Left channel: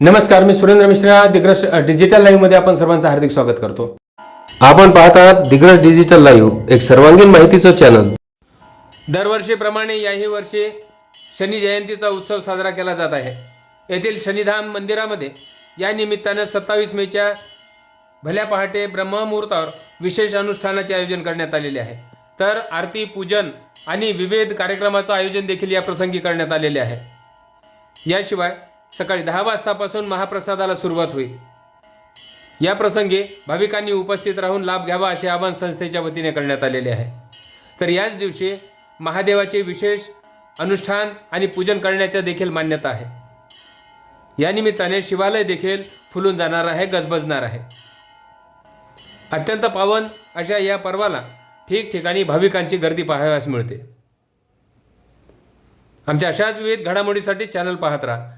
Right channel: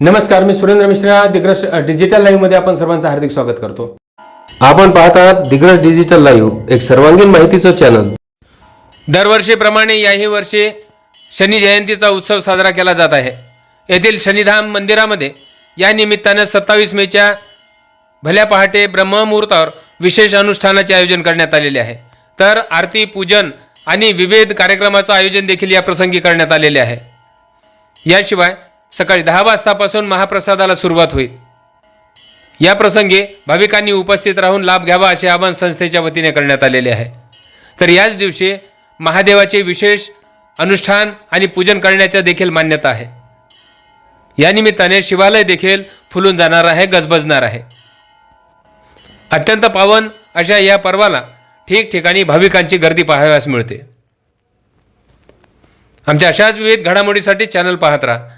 नमस्कार मी सुरेंद्र मिश्रा. दिग्रस डिजिटल लाईव्हमध्ये आपण सर्वांचं हार्दिक स्वागत करतो. आपण पाहत आहात दिग्रस डिजिटल लाईव्ह एक सर्वांगीण माहितीचं चॅनल दरवर्षीप्रमाणे याही वर्षी शनी जयंतीचा उत्सव साजरा केला जात आहे. येथील शनिधाम मंदिरामध्ये या निमित्तानं सत्तावीस मेच्या भल्या पहाटे ब्रह्ममुहूर्तावर विशेष अनुष्ठानाचे आयोजन करण्यात आलेले आहे. तर आरती पूजन आणि विविध कार्यक्रमाचं आयोजन देखील या प्रसंगी करण्यात आलेले आहे. याशिवाय सकाळी दहा वाजतापासून महाप्रसादाला सुरुवात होईल. या प्रसंगी भाविकांनी उपस्थित राहून लाभ घ्यावा असे आवाहन संस्थेच्या वतीने करण्यात आलेले आहे. तर याच दिवशी महादेवाचे विशेष अनुष्ठान आणि पूजन करण्याच्या देखील मान्यता आहे. या निमित्ताने शिवालय देखील फुलून जाणार आहे गजबजणार आहे. अत्यंत पावन अशा या पर्वाला ठिकठिकाणी भाविकांची गर्दी पाहाव्यास मिळते. आमच्या अशाच विविध घडामोडीसाठी चॅनल पाहत राहा.